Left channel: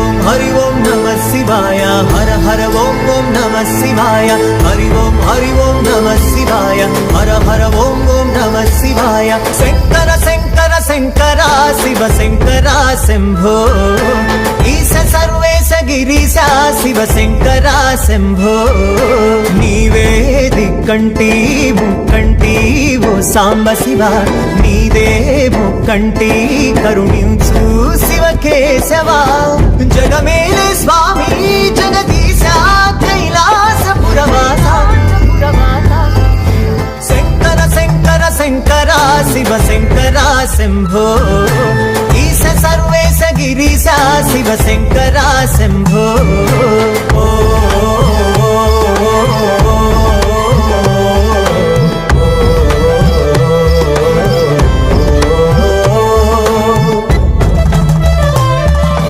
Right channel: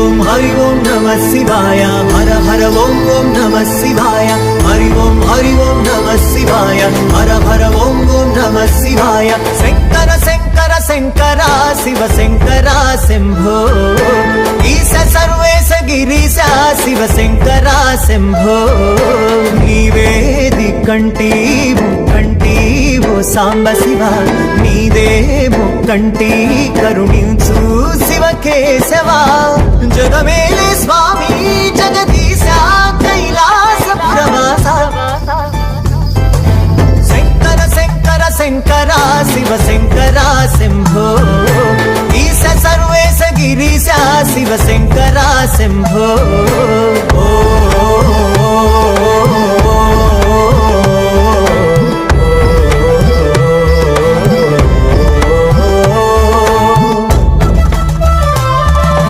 ఓం నమః శివాయ హర హర ఓం నమః శివాయ హరి ఓం నమః శివాయ హర హర ఓం నమః శివాయ శంకర శంకర శంకర శివ శంకర శంభో ఈశ సర్వేశ గిరీశ శివ శంకర శంభో నీవే దిక్కంటి ముక్కంటి ఓ సాంబ శివ నీదే ముక్కంటి కరుణించు శివ కేశవ జగమేలే స్వామి జగదీశ కైలాసపురవాస శంకర శంకర శంకర శివ శంకర శంభో ఈశ సర్వేశ గిరీశ శివ శంకర శంభో ఓ